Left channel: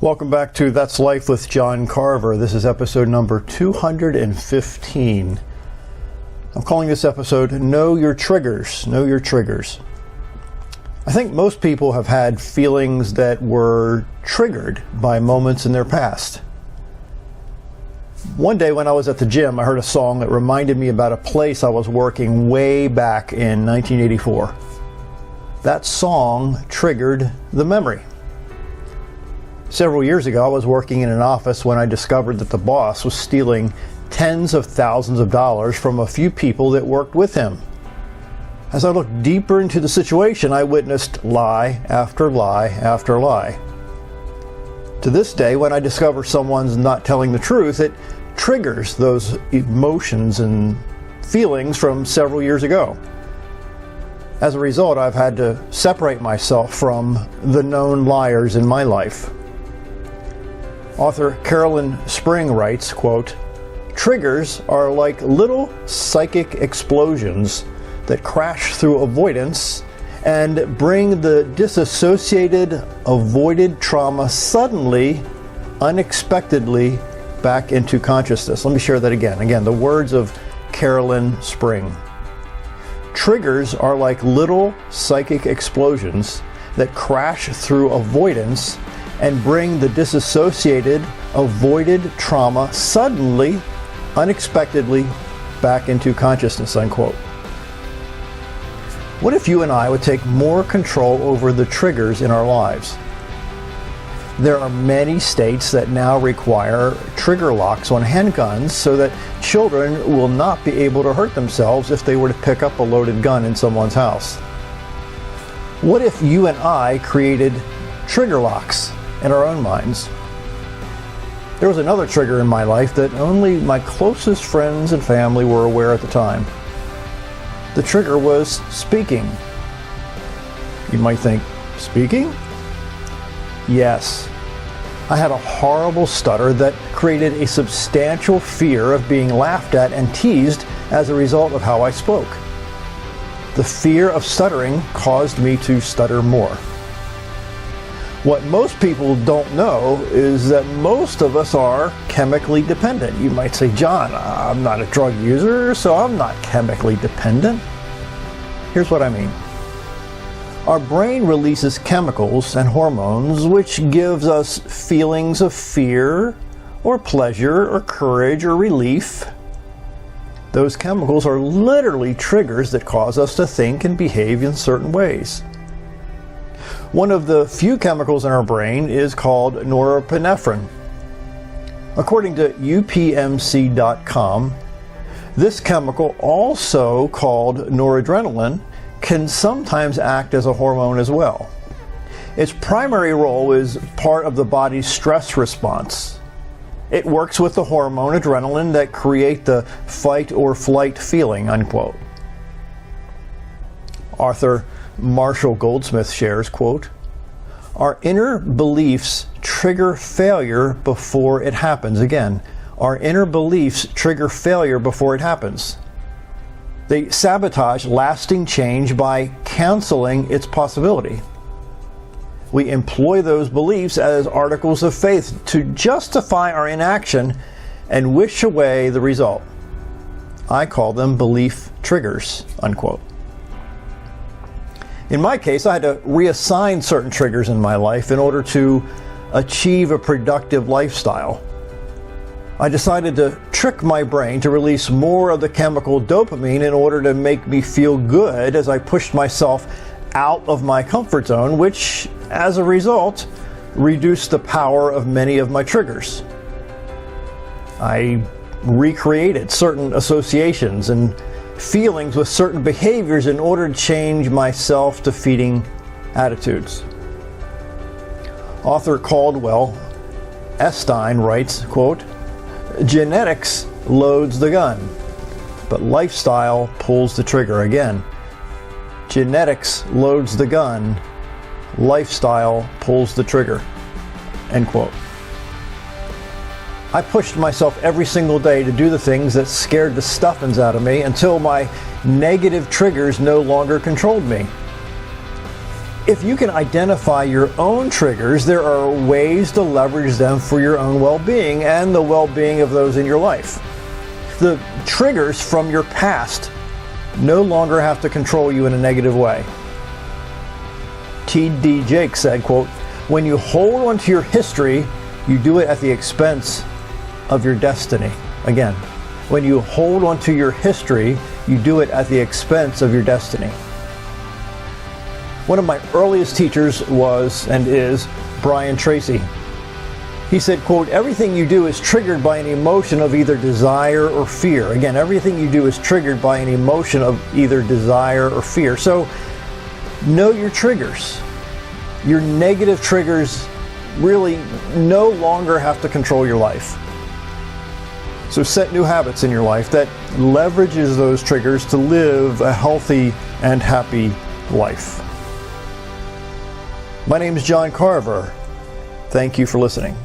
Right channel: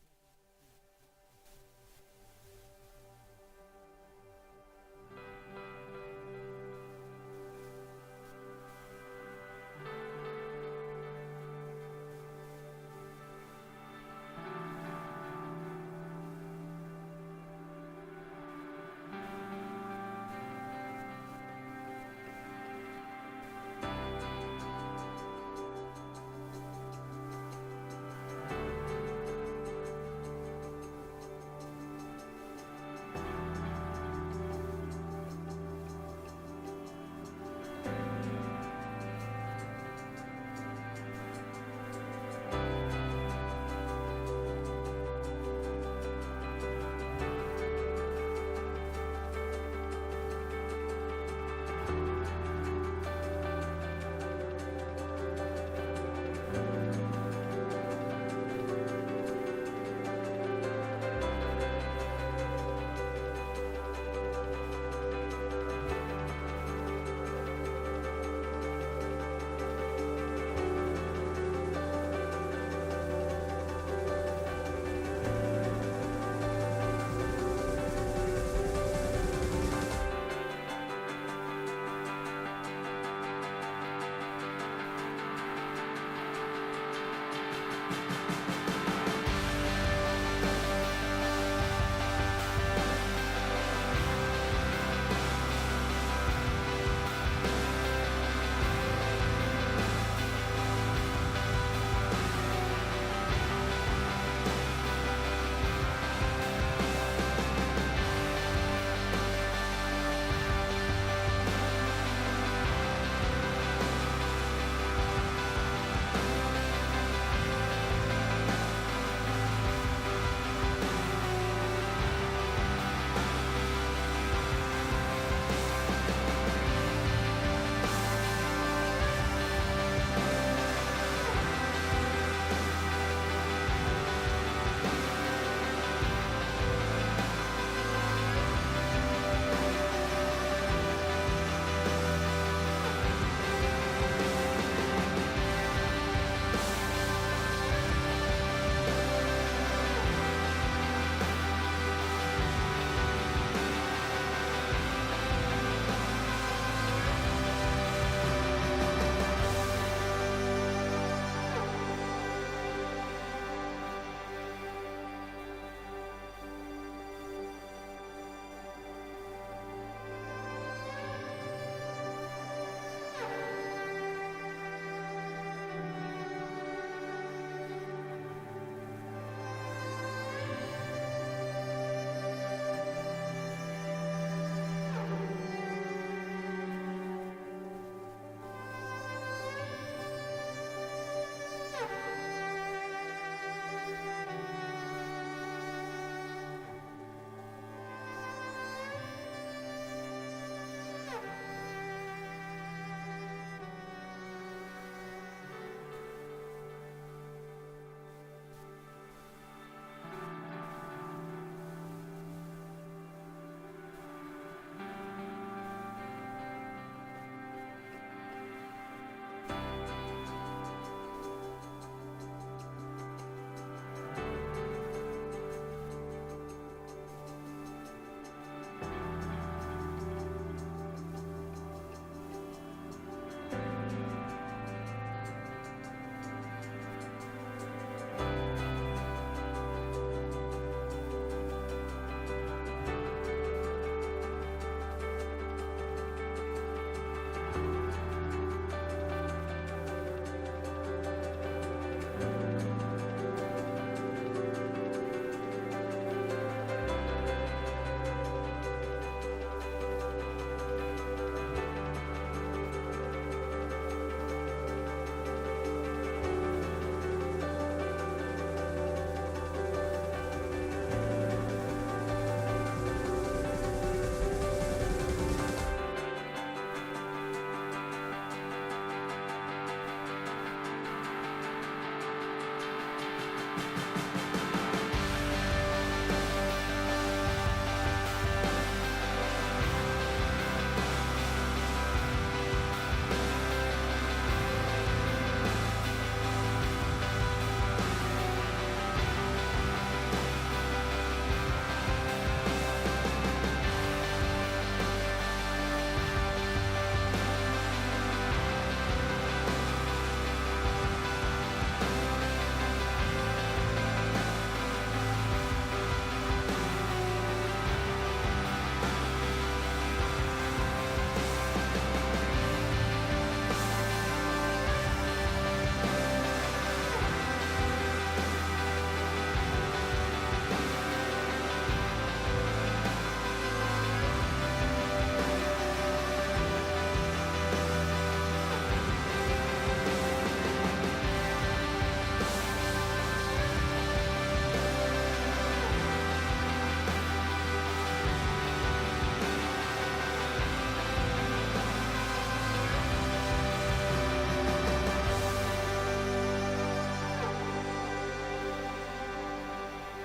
Welcome back to That's Life with John Carver. This is episode number 215. I'm calling this episode Know Your Triggers. Know Your Triggers. I think most people have had feelings that were triggered by moments in their past. One day when I was at the gym, I heard a song that reminded me about a place I was working way back in 1984. That song triggered the memory. Several years ago, I was working in an office when I discovered that the boss was stealing tens of thousands of dollars from a few people that worked with him. As I looked deeper into the situation, I witnessed lie after lie after lie. To this day, when I discover someone's not telling the truth, it triggers those emotions and feelings from several years ago. As a result, I've had to separate myself from the known liars in my life. Author Carolyn Spring writes, quote, "Triggers are like little psychic explosions that crash through avoidance and bring the disassociated, avoided trauma suddenly, unexpectedly back into consciousness." Let me share that again. Again, the words of Carolyn Spring. Triggers are like little psychic explosions that crash through avoidance and bring the disassociated, avoided trauma suddenly, unexpectedly back into consciousness, unquote. What if you and I would take more control over the triggers in our lives? There are many states that now require trigger locks on handguns so that children will not be able to hurt themselves if they were to pick up a loaded gun in someone's house. What if you and I created trigger locks in our own minds? There was another trigger in my life that only my closest friends and family were aware at the time. The trigger was speaking. You might think, speaking? Yes. I had a horrible stutter that created a substantial fear of being laughed at and teased as a result of how I spoke. The fear of stuttering caused me to stutter more. What most people don't know is that most of us are chemically dependent. You might say, John, I'm not a drug user, so I'm not chemically dependent. Here's what I mean. Our brain releases chemicals and hormones which gives us feelings of fear or pleasure or courage or relief. Those chemicals are literally triggers that cause us to think and behave in certain ways. One of the few chemicals in our brain is called norepinephrine. According to UPMC.com, this chemical, also called noradrenaline, can sometimes act as a hormone as well. Its primary role is part of the body's stress response. It works with the hormone adrenaline that create the fight or flight feeling, unquote. Author Marshall Goldsmith shares, quote, "Our inner beliefs trigger failure before it happens." Again, our inner beliefs trigger failure before it happens. They sabotage lasting change by canceling its possibility. We employ those beliefs as articles of faith to justify our inaction and wish away the result. I call them belief triggers, unquote. In my case, I had to reassign certain triggers in my life in order to achieve a productive lifestyle. I decided to trick my brain to release more of the chemical dopamine in order to make me feel good as I pushed myself out of my comfort zone, which, as a result, reduced the power of many of my triggers. I recreated certain associations and feelings with certain behaviors in order to change my self-defeating attitudes. Author Caldwell Esteen writes, quote, "Genetics loads the gun. but lifestyle pulls the trigger. Again, genetics loads the gun, lifestyle pulls the trigger. End quote. I pushed myself every single day to do the things that scared the stuffings out of me until my negative triggers no longer controlled me. If you can identify your own triggers, there are ways to leverage them for your own well-being and the well-being of those in your life. The triggers from your past no longer have to control you in a negative way. T.D. Jakes said, quote, "When you hold onto your history, you do it at the expense of your destiny." Again, when you hold onto your history, you do it at the expense of your destiny. One of my earliest teachers was and is Brian Tracy. He said, quote, "Everything you do is triggered by an emotion of either desire or fear." Again, everything you do is triggered by an emotion of either desire or fear. So know your triggers. Your negative triggers really no longer have to control your life. So set new habits in your life that leverages those triggers to live a healthy and happy life. My name is John Carver. Thank you for listening.